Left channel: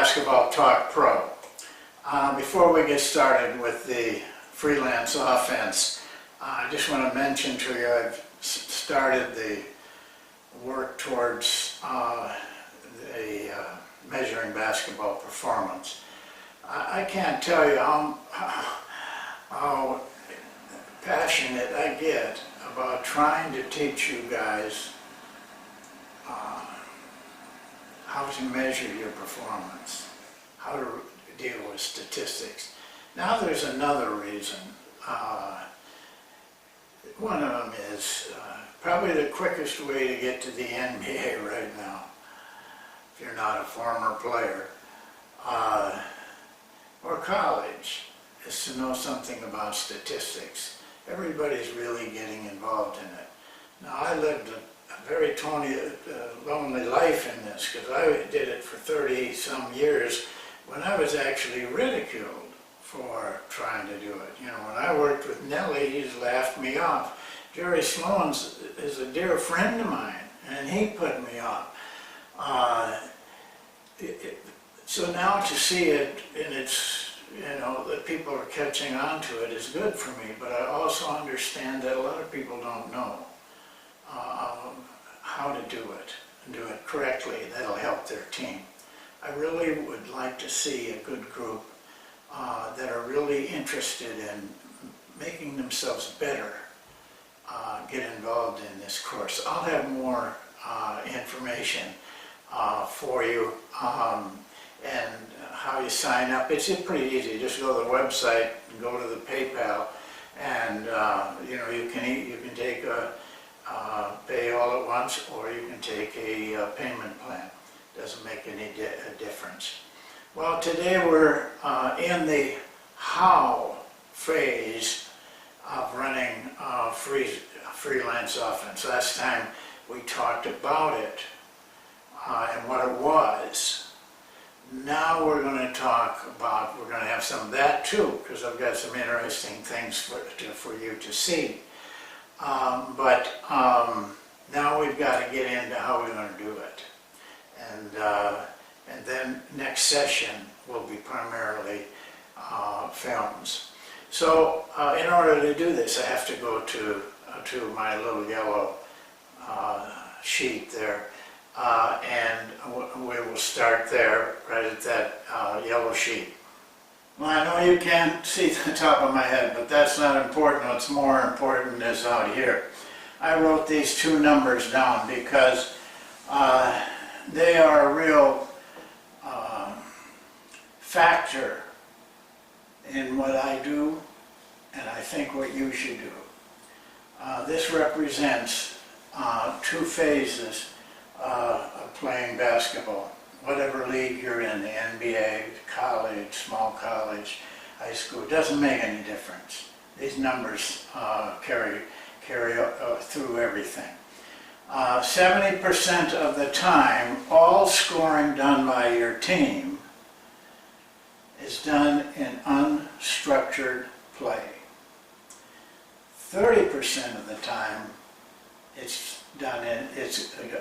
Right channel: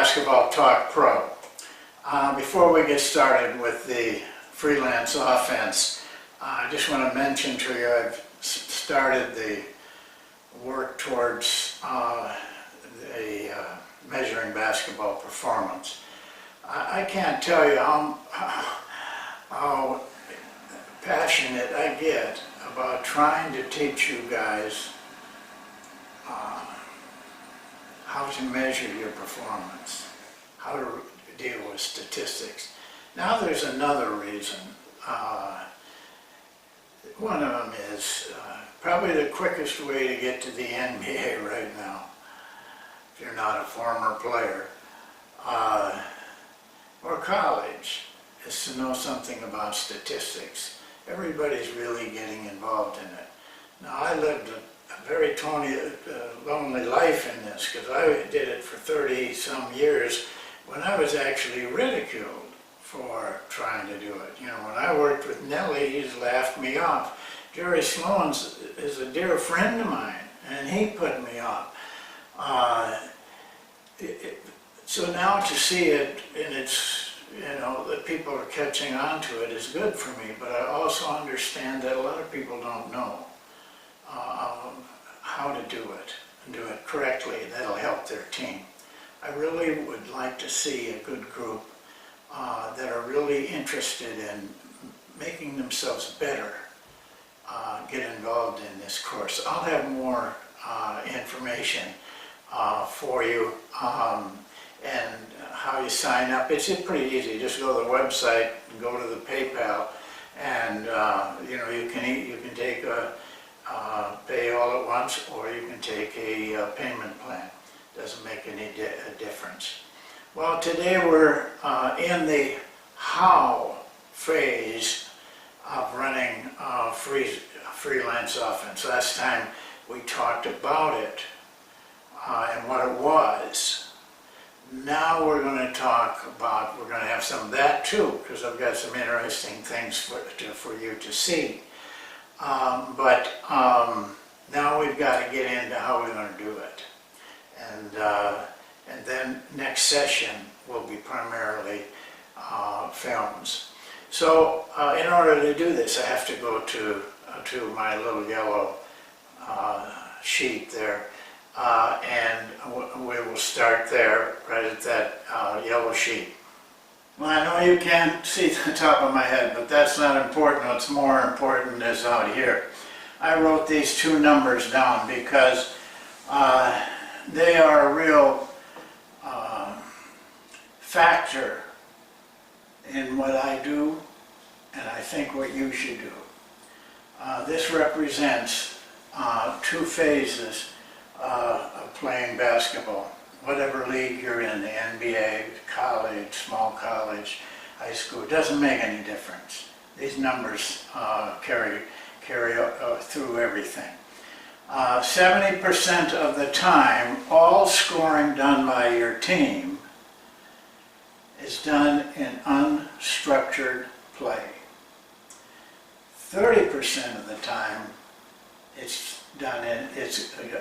Basketball Talk Pro. Before we get started with the freelance offense, I just want to mention to you I've started the work towards measuring basketball performance. I can't tell you how passionate I get about trying to teach you guys how to measure your performance, how to deal with statistics. Now there's another reason. One of them is probably the quickest way to get to the NBA right now, if you're not a former player, or college, is to know something about statistics. Everybody's really getting involved in it. Now I lived a very lonely life in this, because I did it for 30-some years when I was actually ridiculed for trying to do it. You know, when I worked with Nellie, he's laughed me off. Jerry Sloan is a dear friend of mine, and he put me off. So now to see it in its, that people are catching on to it is good for me, but I also understand that a lot of people don't know how to do it and do it correctly. That'll help their team. I really would like to see a good group that are really interested in making themselves better get involved in this course. I'll have more information for you and how you sign up. It's pretty easy. Just go to the website and go to the PayPal, and you can take pay all at once, or you can take a payment plan. Doesn't make any difference. Well, today we're in the how phase of running freelance offense. Last time we talked about it and what it was. Now we're going to talk about, we're going to have some of that too, because I've got some interesting things for you to see. But now we've got to get into how we're going to do it. And then next session will be primarily films. So in order to do this, I have to go to my little yellow sheet there, and we will start there, right at that yellow sheet. Well, I know you can't see the top of my head, but that's not important. What's more important is out here. I wrote these two numbers down because they are a real factor in what I do, and I think what you should do. This represents two phases of playing basketball. Whatever league you're in, the NBA, college, small college, high school, it doesn't make any difference. These numbers carry through everything. 70% of the time, all scoring done by your team is done in unstructured play. 30% of the time, it's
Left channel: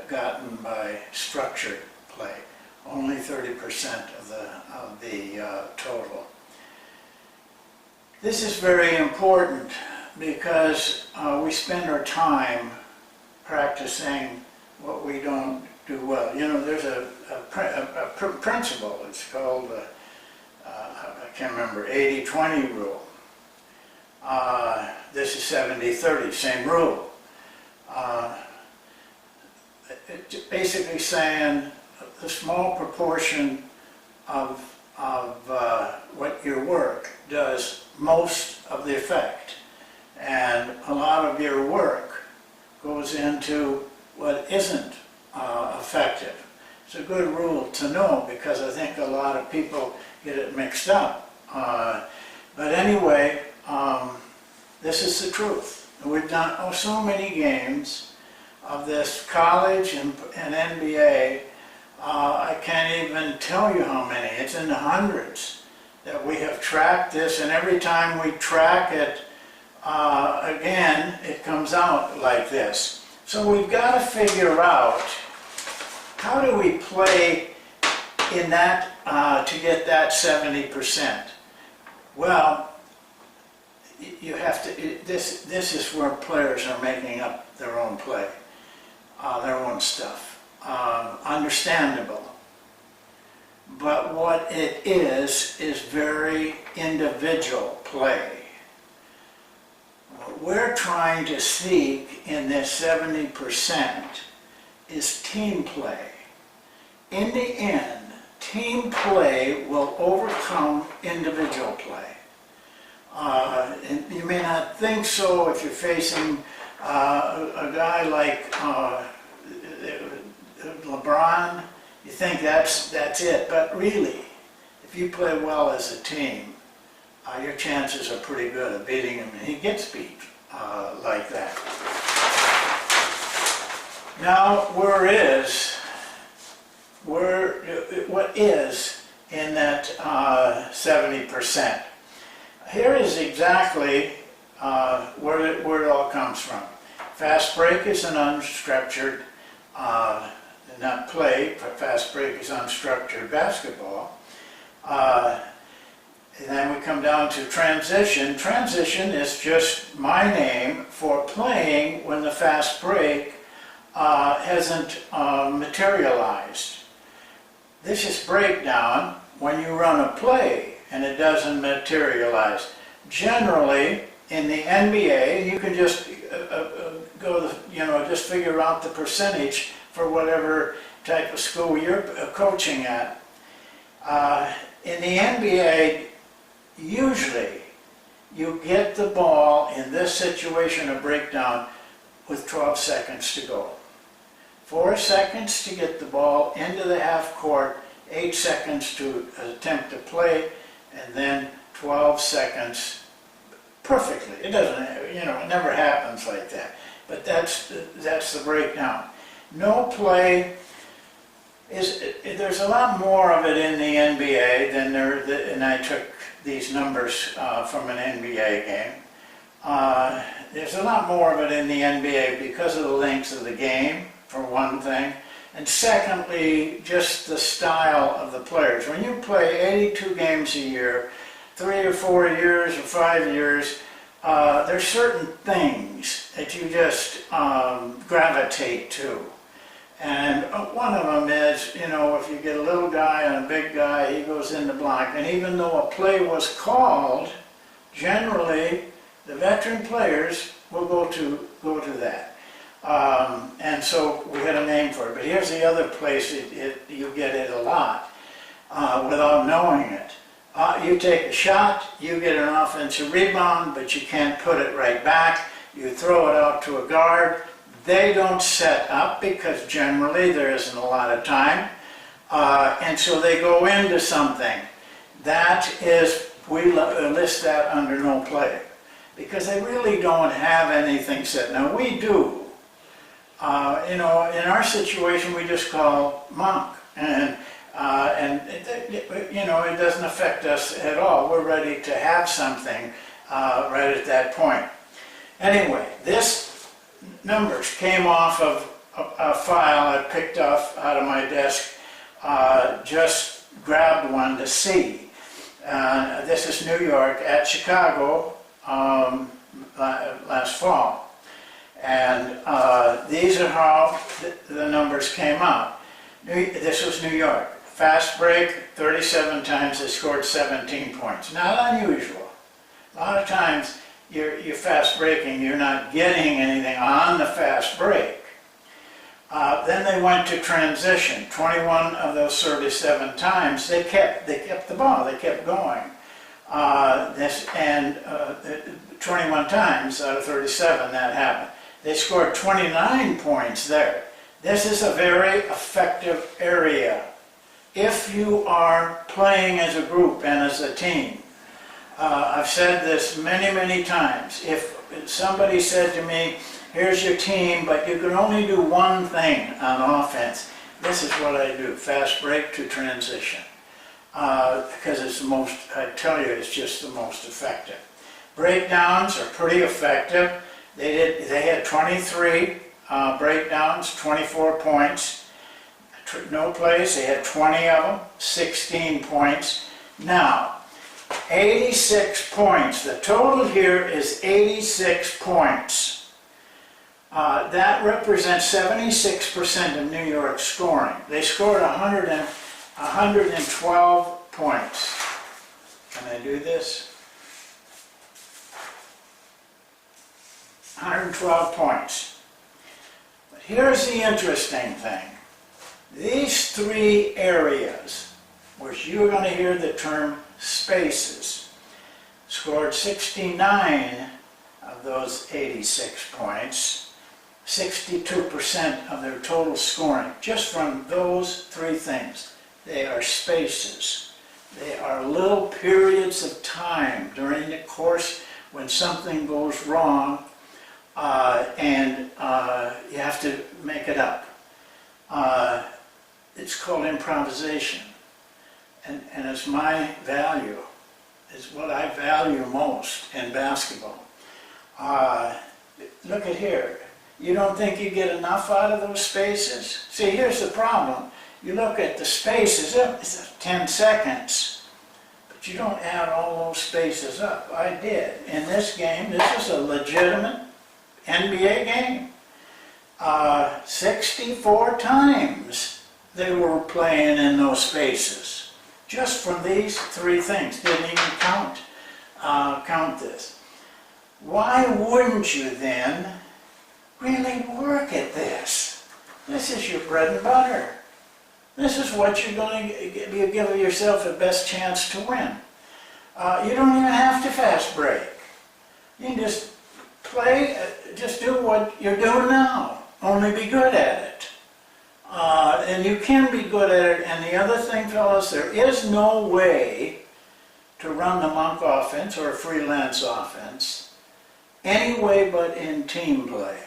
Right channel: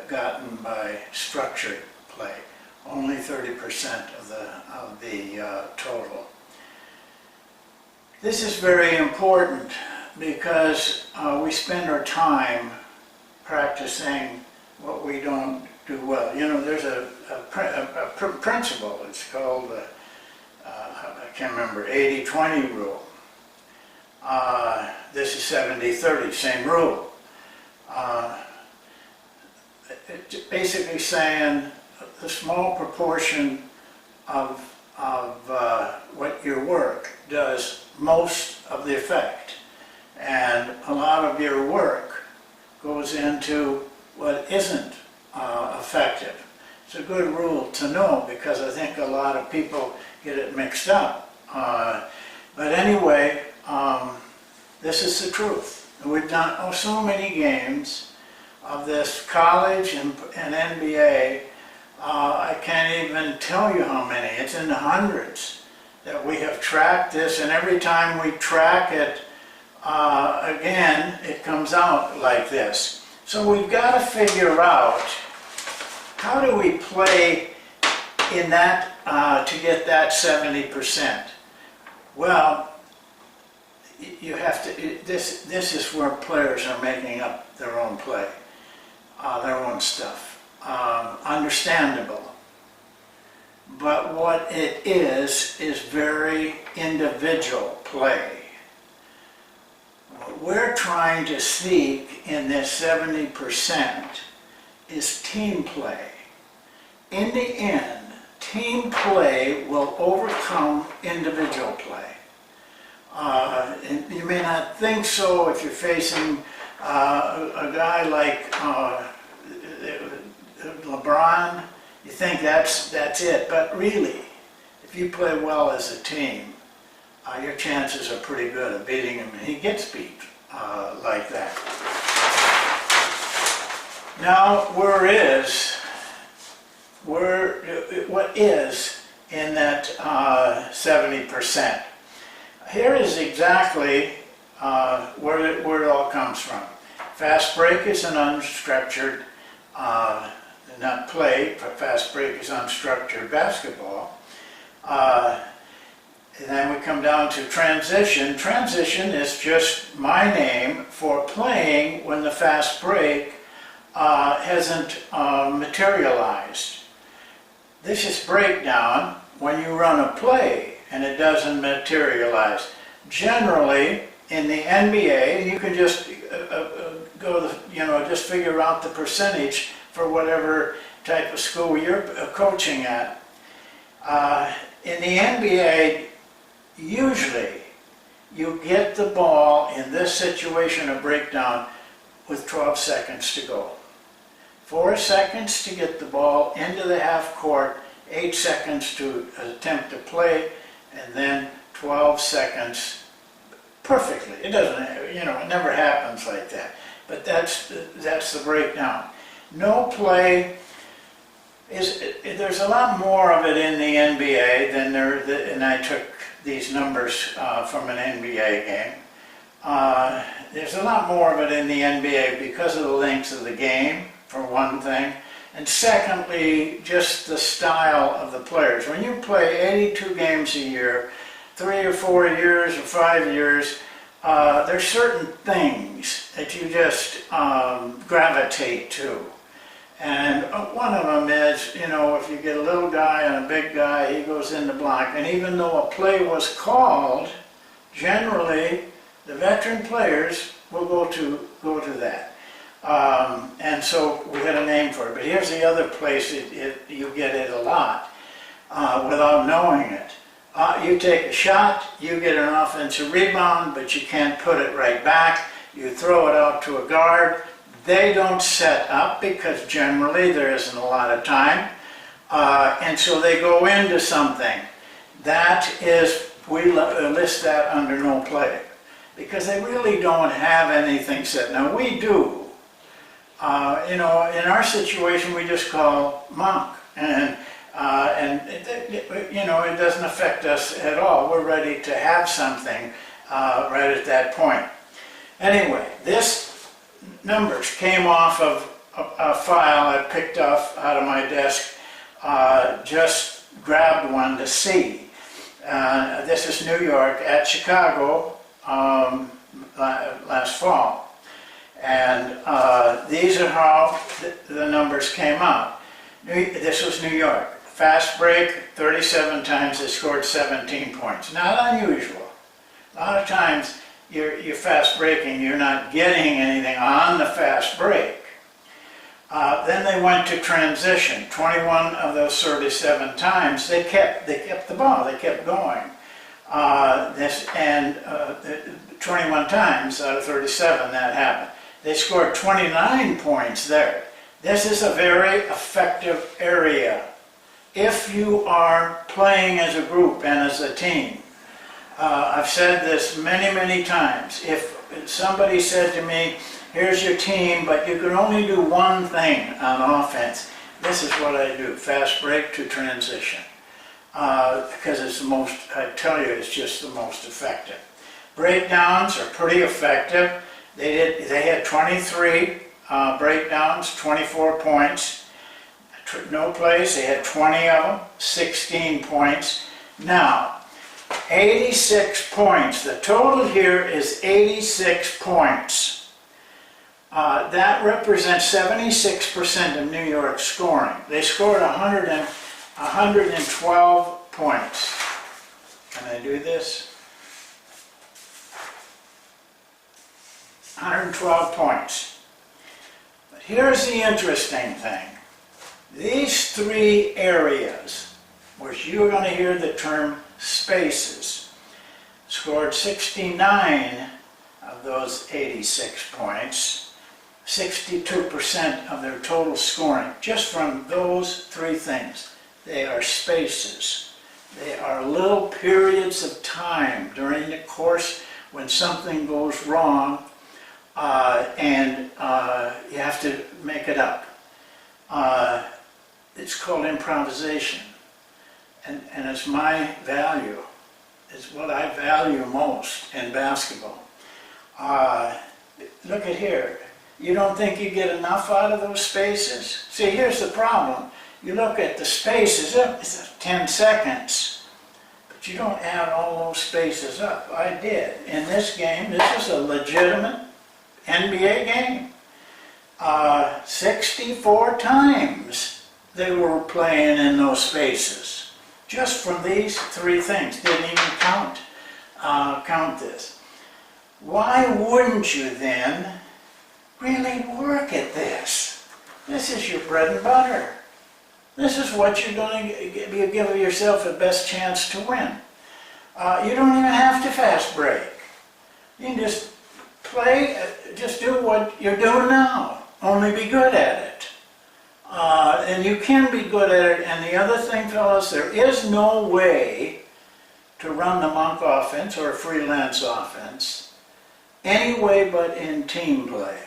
gotten by structured play. Only 30% of the total. This is very important because we spend our time practicing what we don't do well. You know, there's a principle. It's called I can't remember, 80-20 rule. This is 70-30, same rule. It's basically saying a small proportion of what your work does most of the effect, and a lot of your work goes into what isn't effective. It's a good rule to know, because I think a lot of people get it mixed up. But anyway, this is the truth. We've done so many games of this college and NBA. I can't even tell you how many. It's in the hundreds that we have tracked this, and every time we track it again, it comes out like this. So we've got to figure out, how do we play in that to get that 70%? Well, you have to, this is where players are making up their own play, their own stuff. Understandable. But what it is very individual play. What we're trying to seek in this 70% is team play. In the end, team play will overcome individual play. And you may not think so if you're facing a guy like LeBron. You think that's it, but really, if you play well as a team, your chances are pretty good of beating him, and he gets beat like that. Now, what is in that 70%? Here is exactly where it all comes from. Fast break is an unstructured, not play, but fast break is unstructured basketball. And then we come down to transition. Transition is just my name for playing when the fast break hasn't materialized. This is breakdown when you run a play and it doesn't materialize. Generally, in the NBA, you can just just figure out the percentage for whatever type of school you're coaching at. In the NBA, usually you get the ball in this situation of breakdown with 12 seconds to go. 4 seconds to get the ball into the half court, 8 seconds to attempt to play, and then 12 seconds perfectly. It doesn't, it never happens like that. But that's the breakdown. No play there's a lot more of it in the NBA than and I took these numbers from an NBA game. There's a lot more of it in the NBA because of the length of the game, for one thing, and secondly, just the style of the players. When you play 82 games a year, 3 or 4 years or 5 years, there's certain things that you just gravitate to. And one of them is, if you get a little guy and a big guy, he goes in the block. And even though a play was called, generally the veteran players will go to that. And so we had a name for it. But here's the other place you get it a lot without knowing it. You take a shot, you get an offensive rebound, but you can't put it right back. You throw it out to a guard. They don't set up because generally there isn't a lot of time. And so they go into something. That is, we list that under no play. Because they really don't have anything set. Now we do. In our situation we just call monk. And it doesn't affect us at all. We're ready to have something right at that point. Anyway, this numbers came off of a file I picked off out of my desk, just grabbed one to see. This is New York at Chicago last fall. And these are how the numbers came out. This was New York. Fast break, 37 times they scored 17 points. Not unusual. A lot of times you're fast breaking, you're not getting anything on the fast break. Then they went to transition. 21 of those 37 times they kept the ball, they kept going. 21 times out of 37 that happened. They scored 29 points there. This is a very effective area if you are playing as a group and as a team. I've said this many, many times. If somebody said to me, here's your team, but you can only do one thing on offense, this is what I do, fast break to transition. Because it's the most, I tell you, it's just the most effective. Breakdowns are pretty effective. They had 23 breakdowns, 24 points. no plays, they had 20 of them, 16 points. Now, 86 points. The total here is 86 points. That represents 76% of New York's scoring. They scored 112 points. Can I do this? 112 points. But here's the interesting thing. These three areas, which you're going to hear the term spaces, scored 69 of those 86 points, 62% of their total scoring, just from those three things. They are spaces. They are little periods of time during the course when something goes wrong and you have to make it up. It's called improvisation. And it's my value. It's what I value most in basketball. Look at here. You don't think you get enough out of those spaces? See, here's the problem. You look at the spaces, it's 10 seconds, but you don't add all those spaces up. I did. In this game, this is a legitimate NBA game. 64 times they were playing in those spaces. Just from these three things. Didn't even count this. Why wouldn't you then really work at this? This is your bread and butter. This is what you're going to give yourself the best chance to win. You don't even have to fast break. You can just play, just do what you're doing now. Only be good at it. And you can be good at it. And the other thing, fellas, there is no way to run the monk offense or a freelance offense any way but in team play.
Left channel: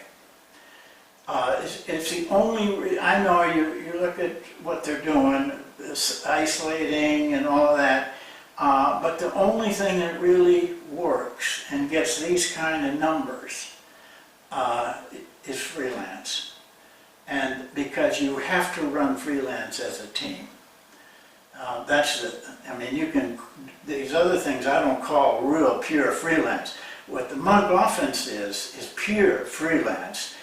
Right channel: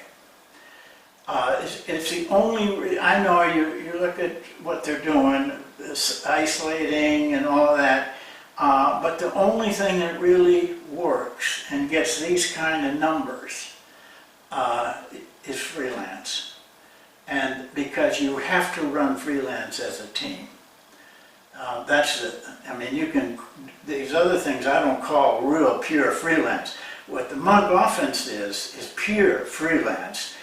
It's the only, I know you look at what they're doing, this isolating and all of that, but the only thing that really works and gets these kind of numbers is freelance. And because you have to run freelance as a team. You can, these other things I don't call real pure freelance. What the monk offense is pure freelance.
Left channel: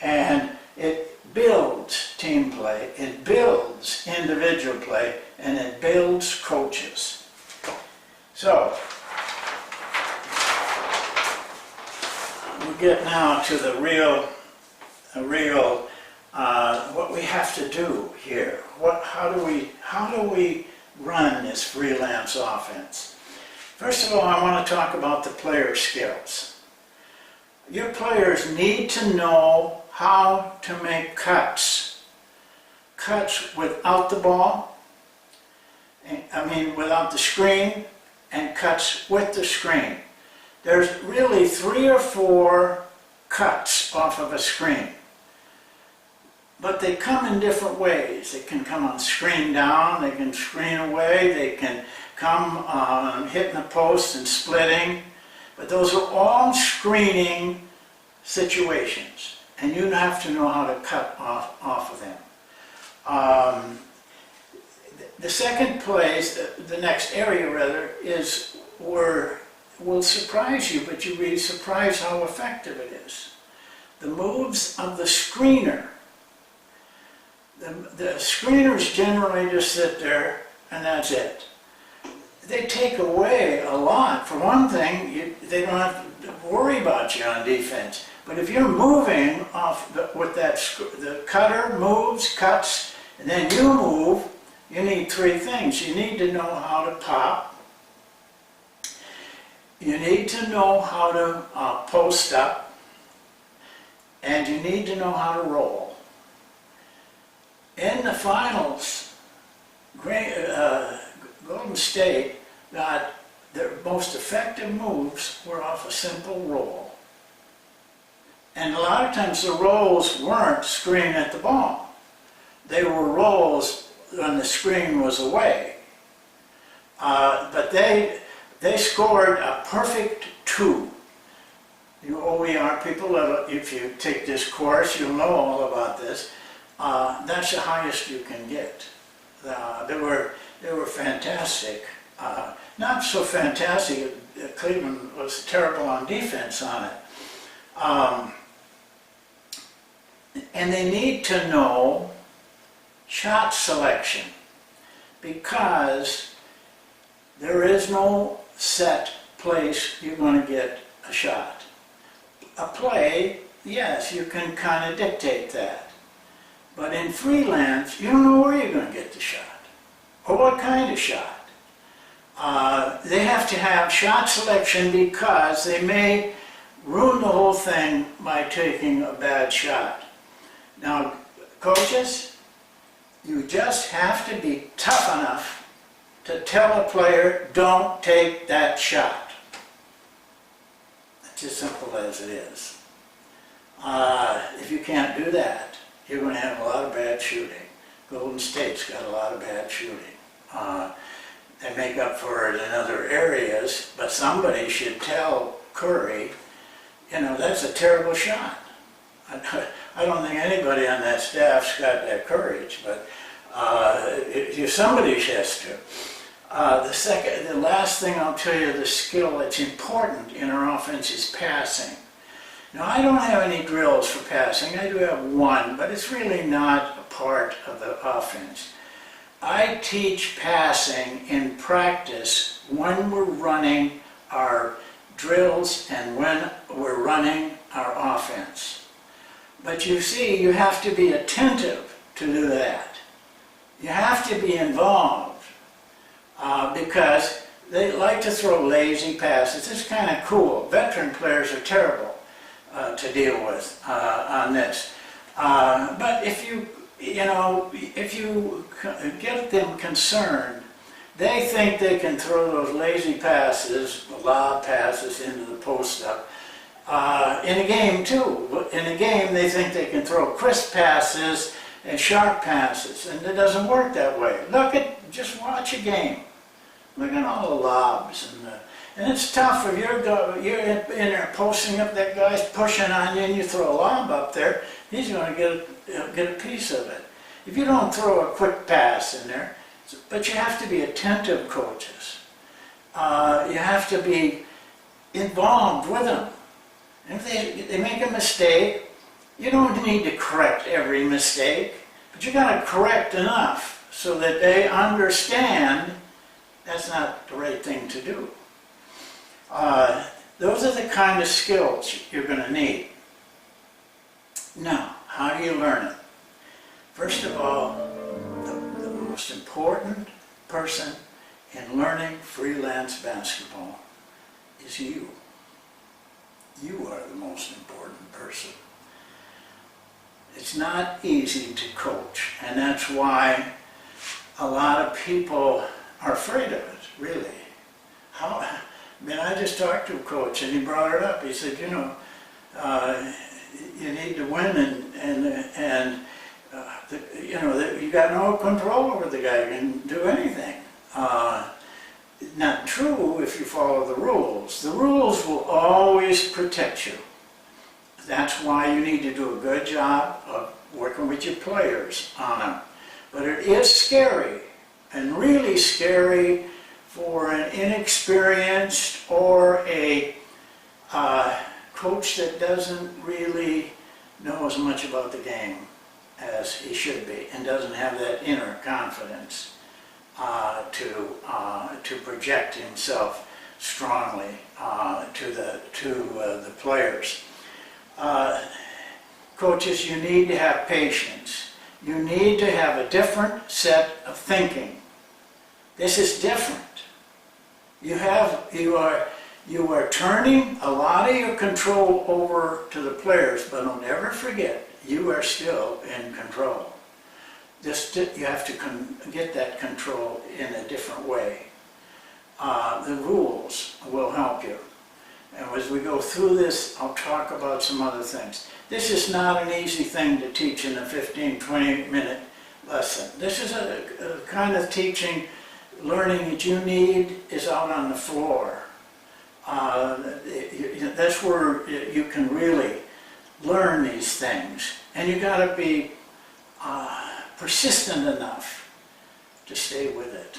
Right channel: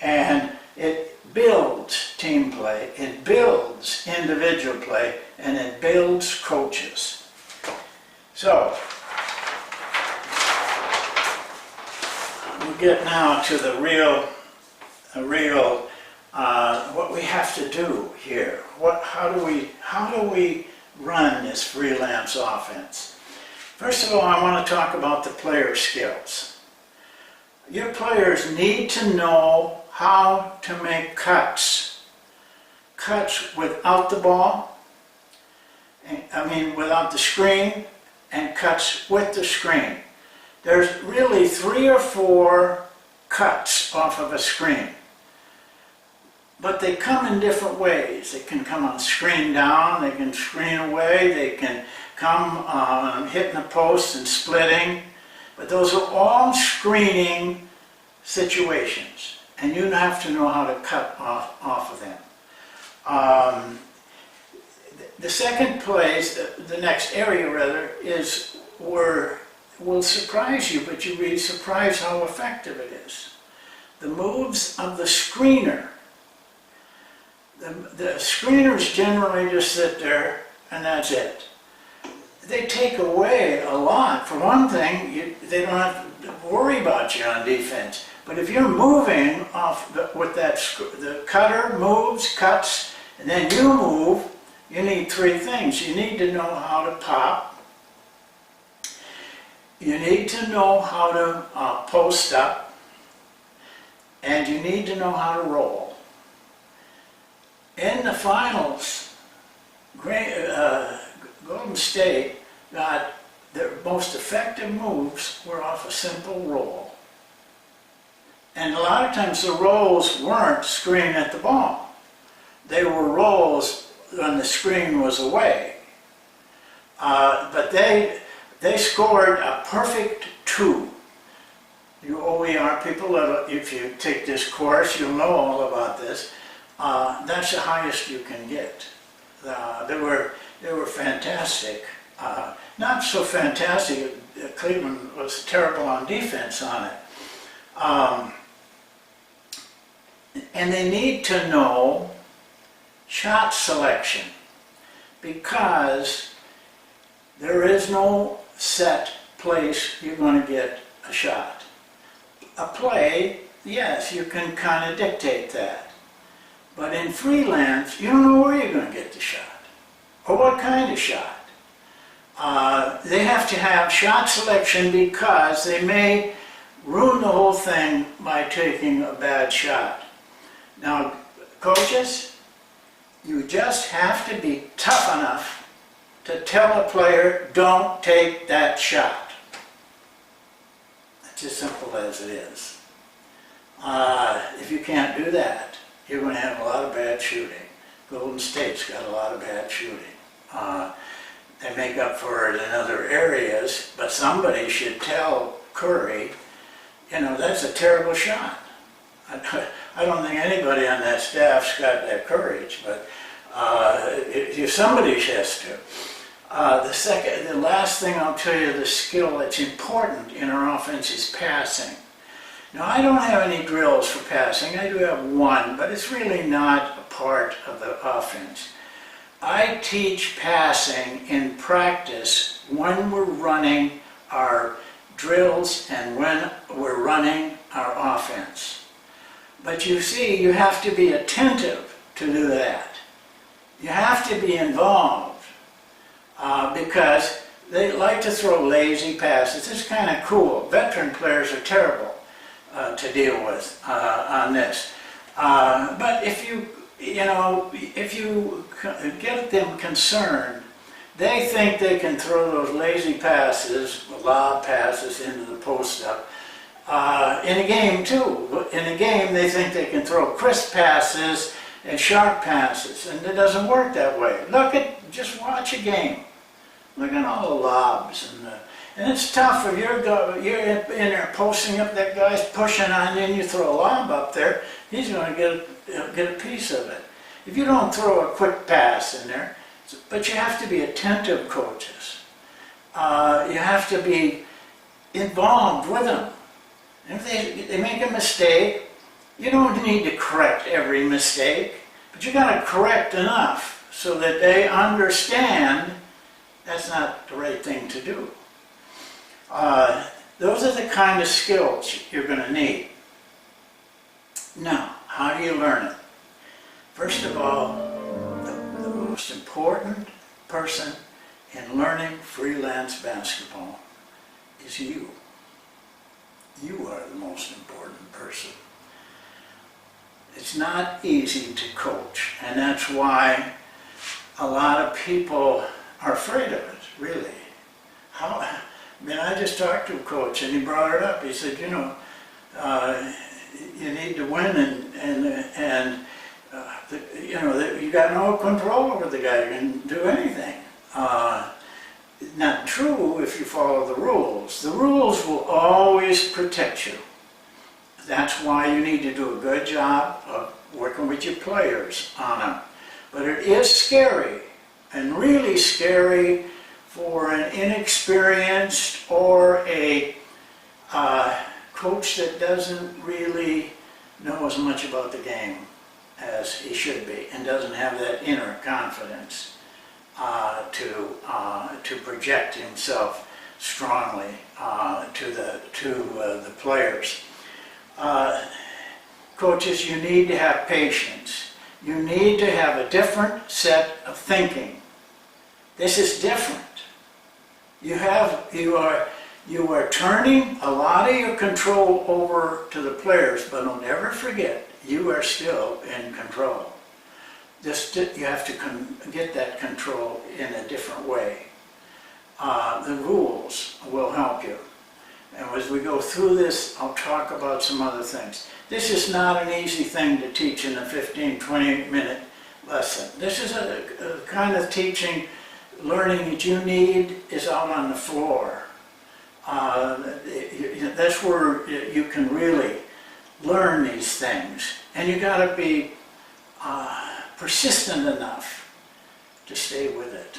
And it builds team play, it builds individual play, and it builds coaches. So, we get now to the real what we have to do here. How do we run this freelance offense? First of all, I want to talk about the player skills. Your players need to know how to make cuts without the ball, without the screen, and cuts with the screen. There's really 3 or 4 cuts off of a screen. But they come in different ways. They can come on screen down, they can screen away, they can come hitting the post and splitting. But those are all screening situations. And you have to know how to cut off of them. The second place, the next area rather, is where will surprise you, but you'll be surprised how effective it is. The moves of the screener. The screeners generally just sit there and that's it. They take away a lot. For one thing, they don't have to worry about you on defense. But if you're moving off with that, the cutter moves, cuts, and then you move, you need 3 things. You need to know how to pop. You need to know how to post up. And you need to know how to roll. In the finals, Golden State got their most effective moves were off a simple roll. And a lot of times the rolls weren't screen at the ball. They were rolls when the screen was away. But they scored a perfect 2. You OER people, if you take this course, you'll know all about this. that's the highest you can get. They were fantastic. Not so fantastic. Cleveland was terrible on defense on it. And they need to know shot selection, because there is no set place you're going to get a shot. A play, yes, you can kind of dictate that. But in freelance, you don't know where you're going to get the shot, or what kind of shot. They have to have shot selection because they may ruin the whole thing by taking a bad shot. Now, coaches, you just have to be tough enough to tell a player, don't take that shot. It's as simple as it is. If you can't do that, you're going to have a lot of bad shooting. Golden State's got a lot of bad shooting. They make up for it in other areas, but somebody should tell Curry, you know, that's a terrible shot. I don't think anybody on that staff's got that courage, but somebody has to. The last thing I'll tell you, the skill that's important in our offense is passing. Now, I don't have any drills for passing. I do have one, but it's really not a part of the offense. I teach passing in practice when we're running our drills and when we're running our offense. But you see, you have to be attentive to do that. You have to be involved because they like to throw lazy passes. It's kind of cool. Veteran players are terrible to deal with on this. But if you get them concerned, they think they can throw those lazy passes, lob passes into the post-up. In a game too. In a game they think they can throw crisp passes and sharp passes, and it doesn't work that way. Just watch a game. Look at all the lobs, and it's tough if you're in there posting up, that guy's pushing on you, and you throw a lob up there, he's going to get a piece of it. If you don't throw a quick pass in there, but you have to be attentive, coaches. You have to be involved with them. And if they make a mistake, you don't need to correct every mistake, but you got to correct enough so that they understand that's not the right thing to do. Those are the kind of skills you're going to need. Now, how do you learn it? First of all, the most important person in learning freelance basketball is you. You are the most important person. It's not easy to coach, and that's why a lot of people are afraid of it, really. I just talked to a coach, and he brought it up. He said, you need to win, you got no control over the guy. You can do anything. Not true if you follow the rules. The rules will always protect you. That's why you need to do a good job of working with your players on them. But it is scary, and really scary for an inexperienced or a coach that doesn't really know as much about the game as he should be, and doesn't have that inner confidence to project himself strongly to the players. Coaches, you need to have patience. You need to have a different set of thinking. This is different. You are turning a lot of your control over to the players, but don't ever forget, you are still in control. You have to get that control in a different way. The rules will help you. And as we go through this, I'll talk about some other things. This is not an easy thing to teach in a 15, 20-minute lesson. This is a kind of teaching, learning that you need is out on the floor. That's where you can really learn these things. And you got to be persistent enough to stay with it.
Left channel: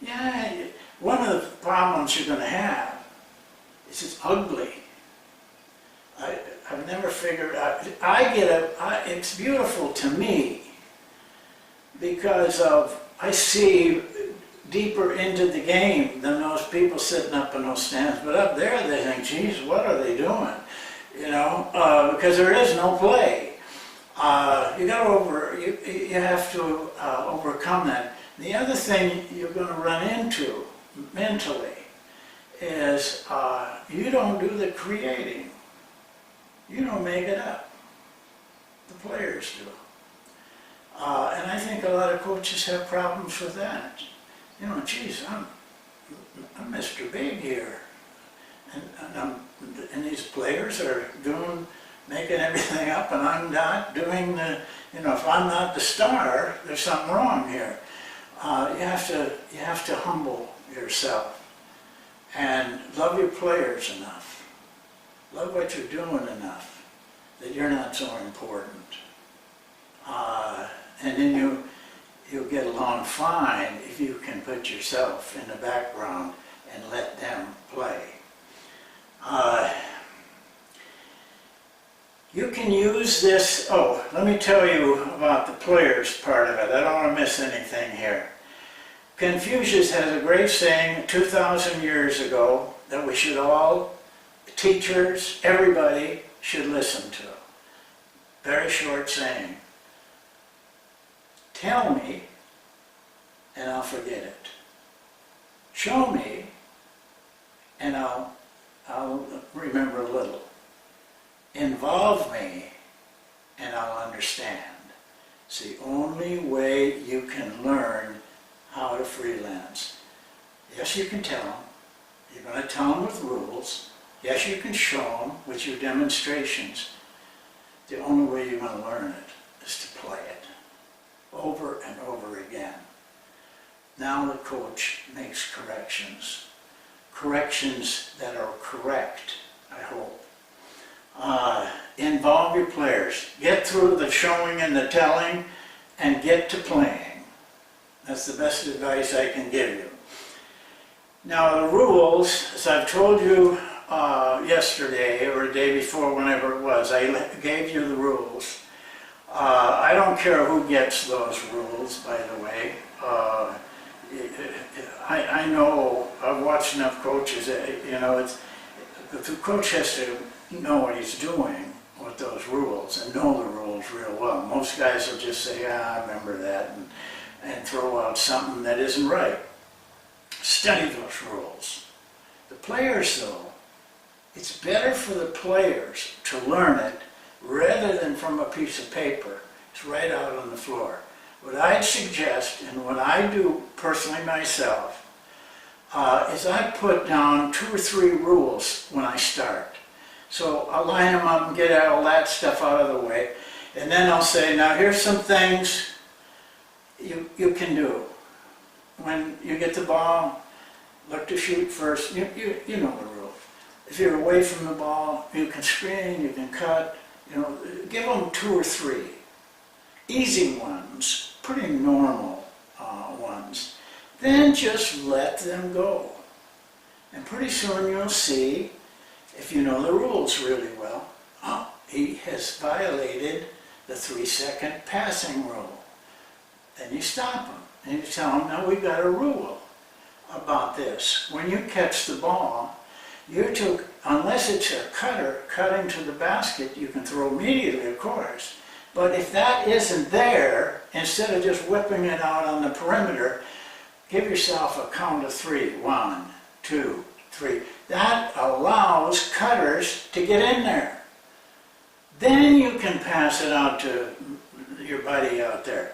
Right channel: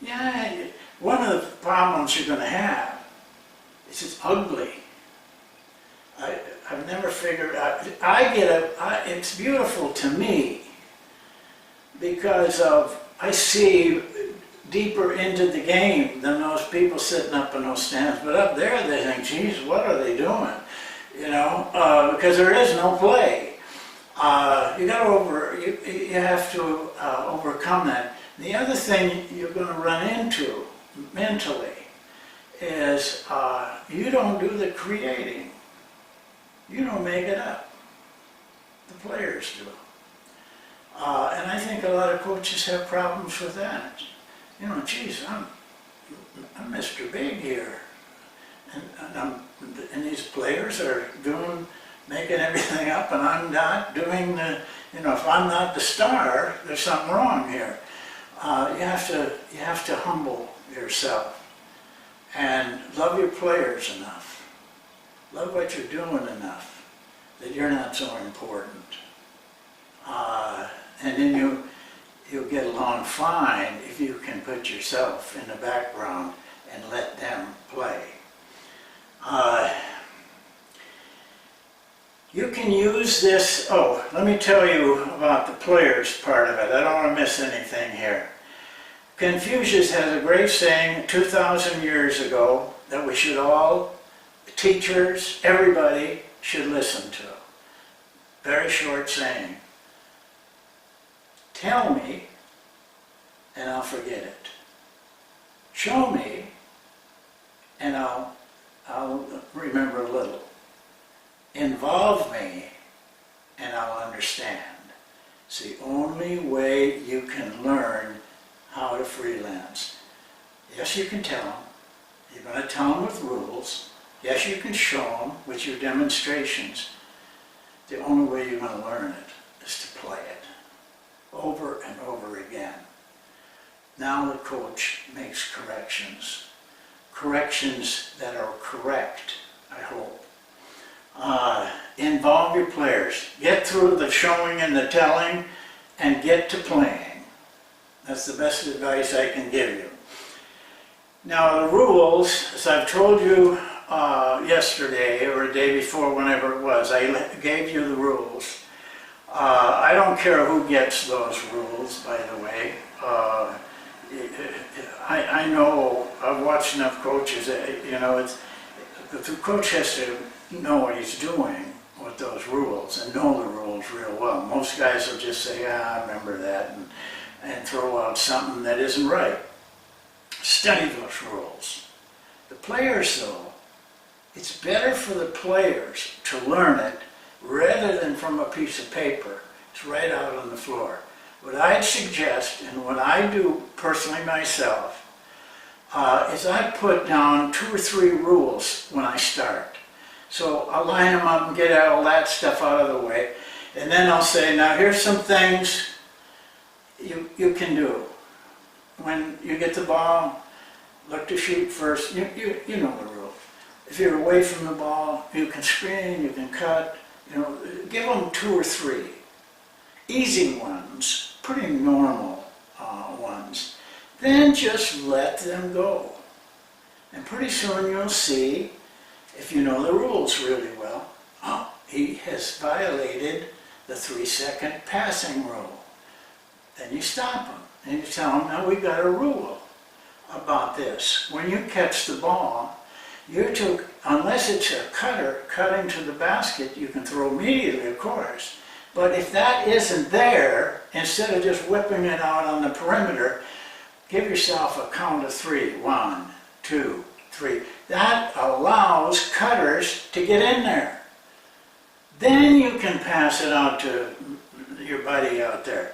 Yeah, one of the problems you're going to have is it's ugly. I've never figured out, it's beautiful to me because I see deeper into the game than those people sitting up in those stands. But up there they think, geez, what are they doing? You know, because there is no play. You have to overcome that. The other thing you're going to run into mentally is you don't do the creating. You don't make it up. The players do. And I think a lot of coaches have problems with that. You know, geez, I'm Mr. Big here. And these players are making everything up, and I'm not doing if I'm not the star, there's something wrong here. You have to humble yourself and love your players enough. Love what you're doing enough that you're not so important. And then you'll get along fine if you can put yourself in the background and let them play. You can use this, let me tell you about the players part of it. I don't want to miss anything here. Confucius has a great saying 2,000 years ago that we should all, teachers, everybody, should listen to. Very short saying. Tell me, and I'll forget it. Show me, and I'll remember a little. Involve me, and I'll understand. It's the only way you can learn how to freelance. Yes, you can tell them. You're going to tell them with rules. Yes, you can show them with your demonstrations. The only way you're going to learn it is to play it over and over again. Now the coach makes corrections. Corrections that are correct, I hope. Involve your players. Get through the showing and the telling and get to playing. That's the best advice I can give you. Now the rules, as I've told you yesterday or the day before, whenever it was, I gave you the rules. I don't care who gets those rules, by the way. I know, I've watched enough coaches, the coach has to know what he's doing with those rules and know the rules real well. Most guys will just say, I remember that, and throw out something that isn't right. Study those rules. The players, though, it's better for the players to learn it rather than from a piece of paper. It's right out on the floor. What I'd suggest, and what I do personally myself, is I put down 2 or 3 rules when I start. So I'll line them up and get all that stuff out of the way. And then I'll say, now here's some things you can do. When you get the ball, look to shoot first. You know the rule. If you're away from the ball, you can screen, you can cut. Give them 2 or 3. Easy ones, pretty normal ones. Then just let them go. And pretty soon you'll see, if you know the rules really well, he has violated the 3-second passing rule. Then you stop him and you tell him, now we've got a rule about this. When you catch the ball, unless it's a cutter cutting to the basket, you can throw immediately, of course. But if that isn't there, instead of just whipping it out on the perimeter, give yourself a count of 3. 1, 2, 3. That allows cutters to get in there. Then you can pass it out to your buddy out there.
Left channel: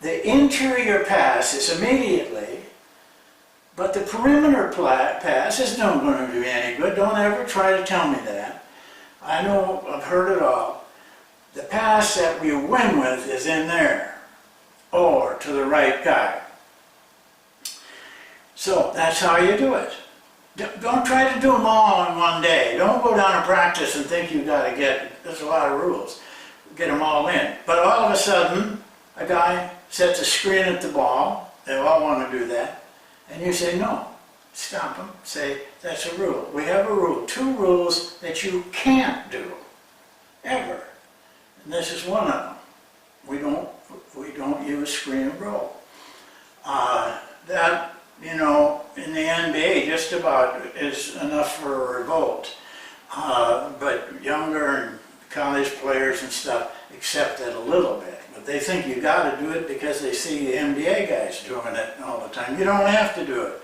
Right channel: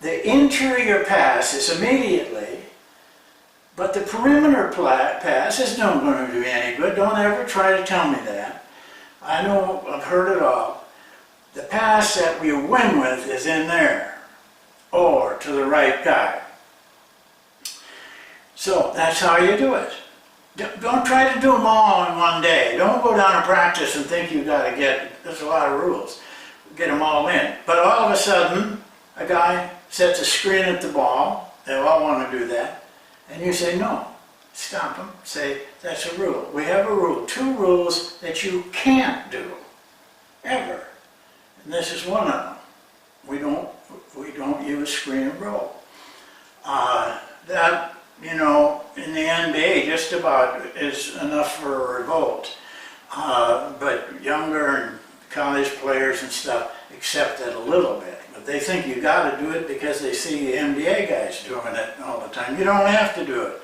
The interior pass is immediately, but the perimeter pass is not going to do any good. Don't ever try to tell me that. I know, I've heard it all. The pass that we win with is in there, or to the right guy. So that's how you do it. Don't try to do them all in one day. Don't go down and practice and think you've got to there's a lot of rules. get them all in. But all of a sudden, a guy sets a screen at the ball. They all want to do that. And you say, no, stop them. Say, that's a rule. We have a rule. 2 rules that you can't do, ever. And this is one of them. We don't use screen and roll. That, you know, in the NBA, just about is enough for a revolt. But younger and college players and stuff accept it a little bit. But they think you got to do it because they see the NBA guys doing it all the time. You don't have to do it.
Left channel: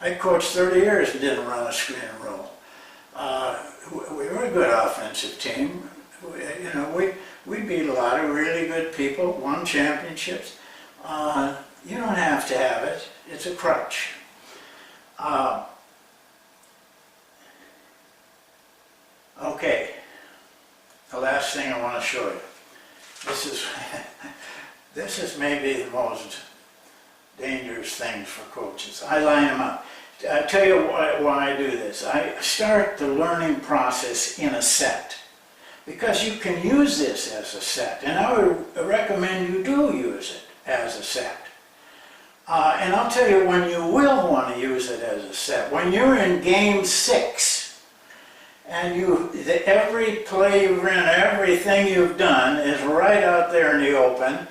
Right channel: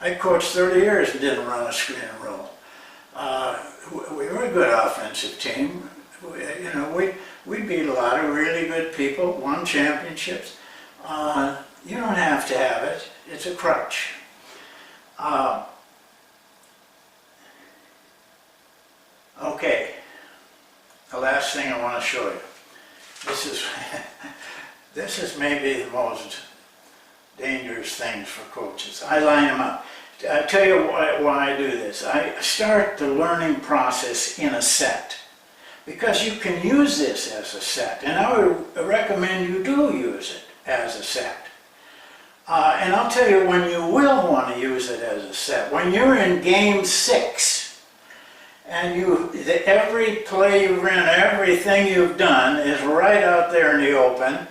I coached 30 years and didn't run a screen and roll. We were a good offensive team. You know, we beat a lot of really good people, won championships. You don't have to have it. It's a crutch. Okay, the last thing I want to show you. This is maybe the most dangerous things for coaches. I line them up. I'll tell you why I do this. I start the learning process in a set, because you can use this as a set, and I would recommend you do use it as a set. And I'll tell you when you will want to use it as a set. When you're in game 6, and every play you've run, everything you've done is right out there in the open.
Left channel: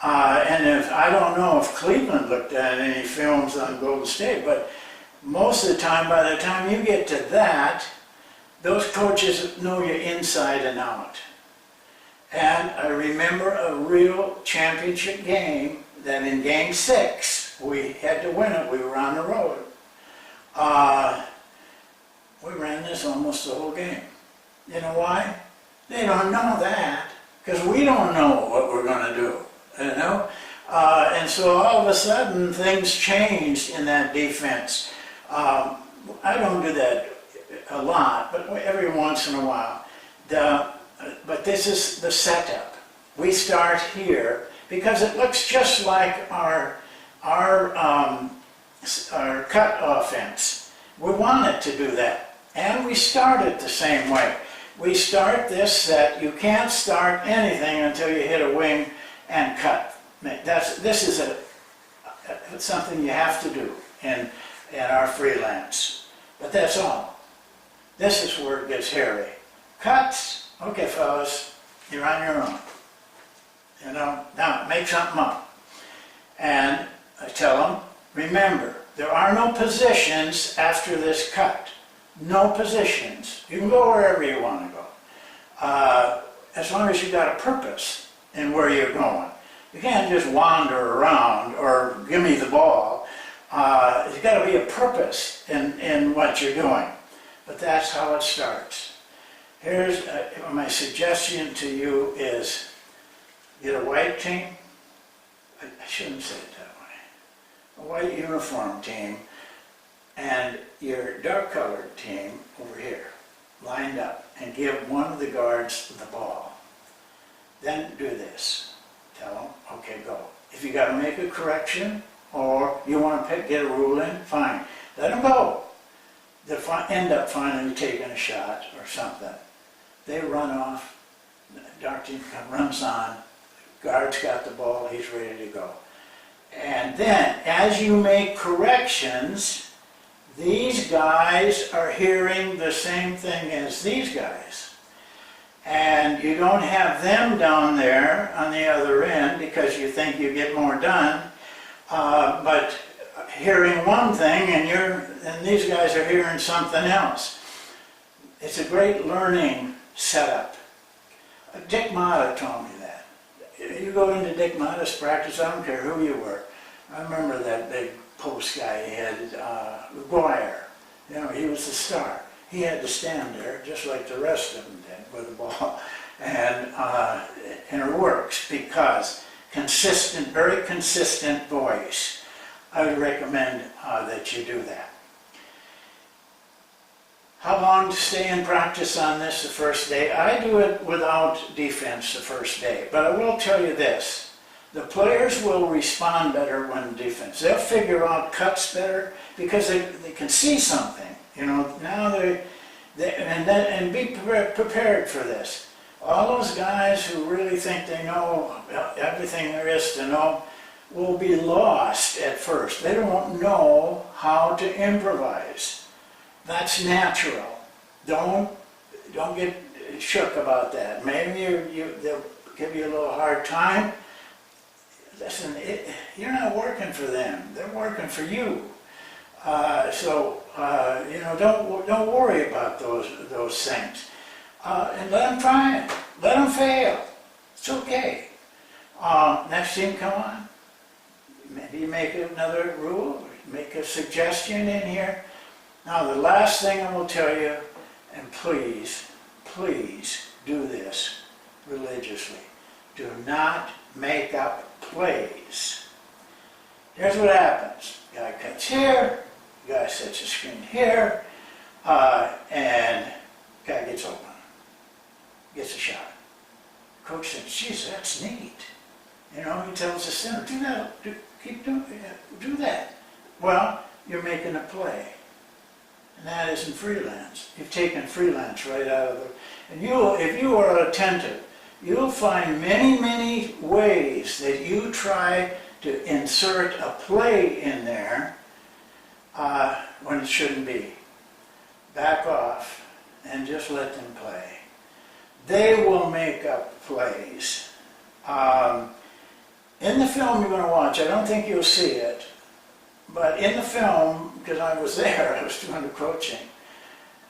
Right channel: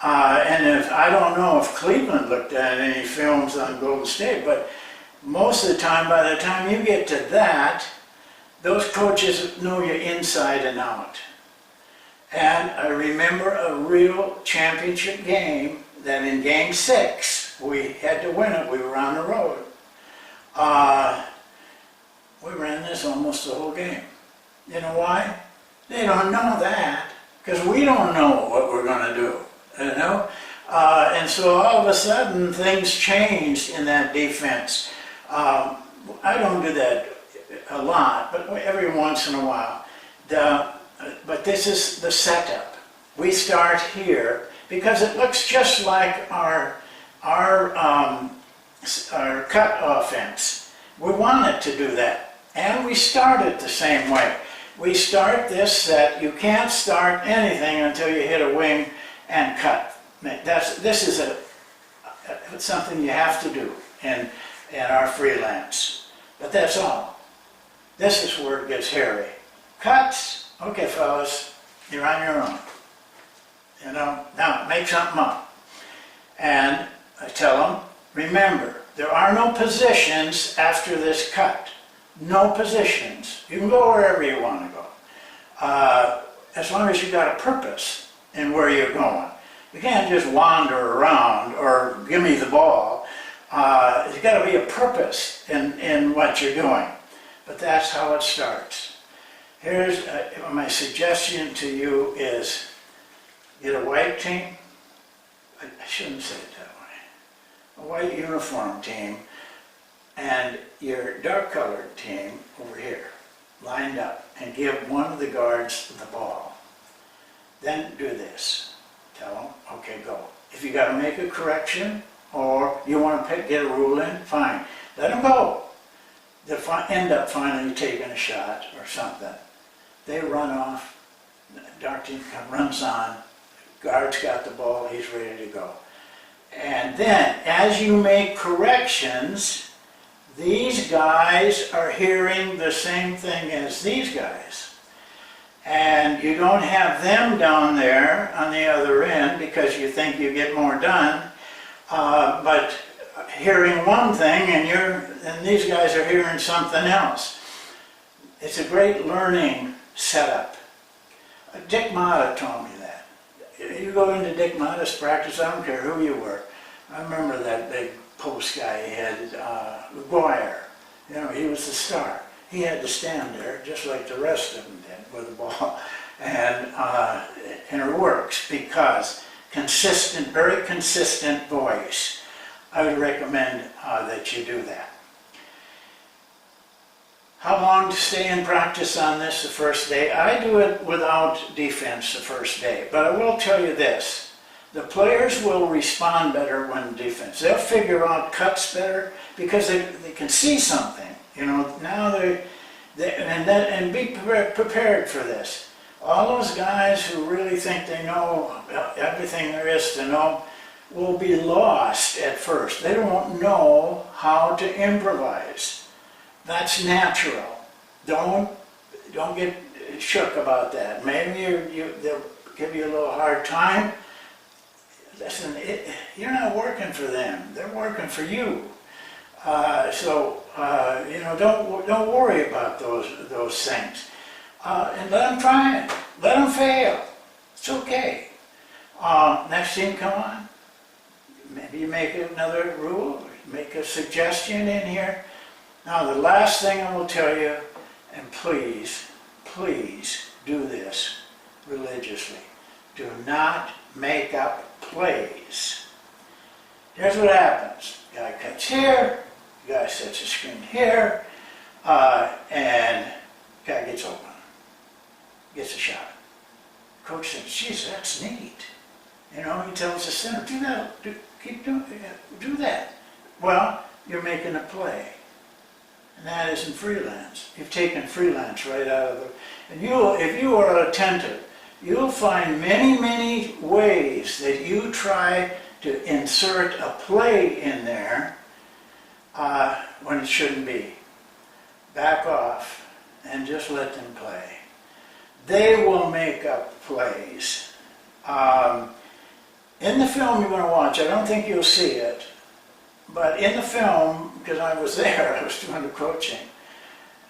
And I don't know if Cleveland looked at any films on Golden State, but most of the time, by the time you get to that, those coaches know you inside and out. And I remember a real championship game that in game 6, we had to win it. We were on the road. We ran this almost the whole game. You know why? They don't know that, because we don't know what we're going to do, you know? And so all of a sudden, things changed in that defense. I don't do that a lot, but every once in a while. But this is the setup. We start here, because it looks just like our cut offense. We want it to do that. And we start it the same way. We start this set. You can't start anything until you hit a wing and cut. This is something you have to do in our freelance. But that's all. This is where it gets hairy. Cuts. Okay, fellas, you're on your own. You know, now make something up. And I tell them, remember, there are no positions after this cut. No positions. You can go wherever you want to go. As long as you've got a purpose in where you're going. You can't just wander around or give me the ball. There's got to be a purpose in what you're doing. But that's how it starts. Here's my suggestion to you is get a white team. I shouldn't say it that way. A white uniform team. And your dark-colored team over here, lined up, and give one of the guards the ball. Then do this. Tell them, okay, go. If you got to make a correction, or you want to get a rule in, fine. Let them go. They'll end up finally taking a shot or something. They run off, dark team runs on, guard's got the ball, he's ready to go. And then, as you make corrections, these guys are hearing the same thing as these guys. And you don't have them down there on the other end because you think you get more done, but hearing one thing and these guys are hearing something else. It's a great learning setup. Dick Motta told me that. You go into Dick Motta's practice, I don't care who you were. I remember that big post guy he had, McGuire. You know, he was the star. He had to stand there just like the rest of them did with the ball. And it works because consistent, very consistent voice. I would recommend that you do that. How long to stay in practice on this the first day? I do it without defense the first day, but I will tell you this. The players will respond better when defense. They'll figure out cuts better because they can see something. You know, now and be prepared for this. A all those guys who really think they know everything there is to know will be lost at first. They don't know how to improvise. That's natural. Don't get shook about that. Maybe they'll give you a little hard time. Listen, you're not working for them. They're working for you. You know, don't worry about those things. And let them try it. Let them fail. It's okay. Next team, come on. Maybe you make another rule, make a suggestion in here. Now, the last thing I will tell you, and please do this religiously. Do not make up plays. Here's what happens. Guy cuts here, guy sets a screen here, and guy gets open. Gets a shot. Coach says, geez, that's neat. You know, he tells the center, do that, keep doing it, do that. Well, you're making a play. And that isn't freelance. You've taken freelance right out of the... And if you are attentive, you'll find many ways that you try to insert a play in there when it shouldn't be. Back off and just let them play. They will make up plays. In the film you're going to watch, I don't think you'll see it, but in the film, because I was there, I was doing the coaching,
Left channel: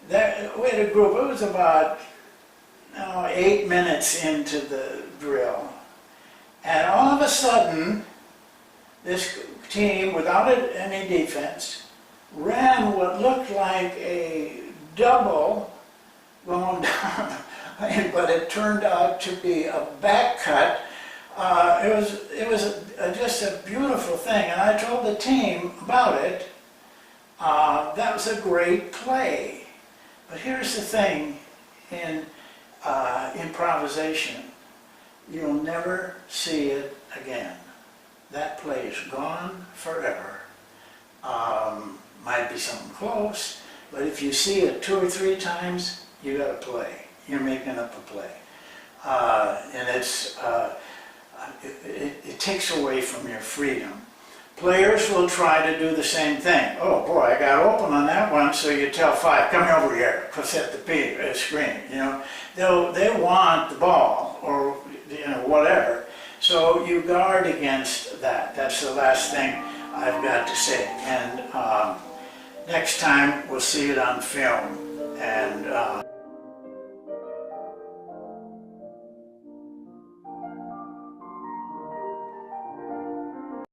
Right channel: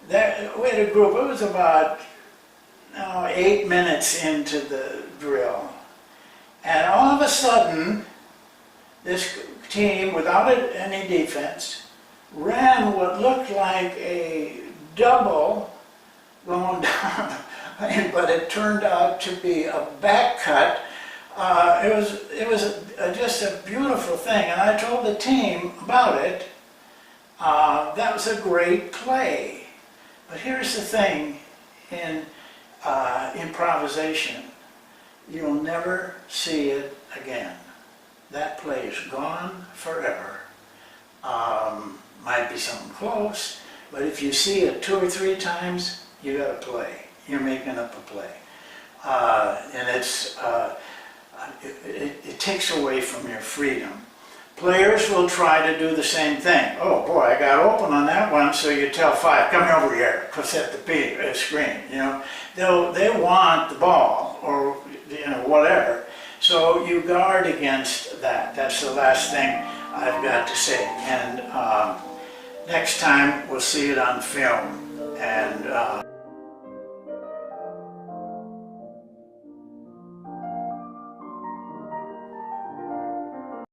we had a group, it was about 8 minutes into the drill, and all of a sudden, this team, without any defense, ran what looked like a double going down, but it turned out to be a back cut. It was just a beautiful thing, and I told the team about it. That was a great play. But here's the thing in improvisation. You'll never see it again. That play is gone forever. Might be something close, but if you see it 2 or 3 times, you got to play. You're making up a play. And it takes away from your freedom. Players will try to do the same thing. Oh boy, I got open on that one, so you tell 5, come over here, go set the screen. You know, they want the ball or whatever. So you guard against that. That's the last thing I've got to say. And next time we'll see it on film. And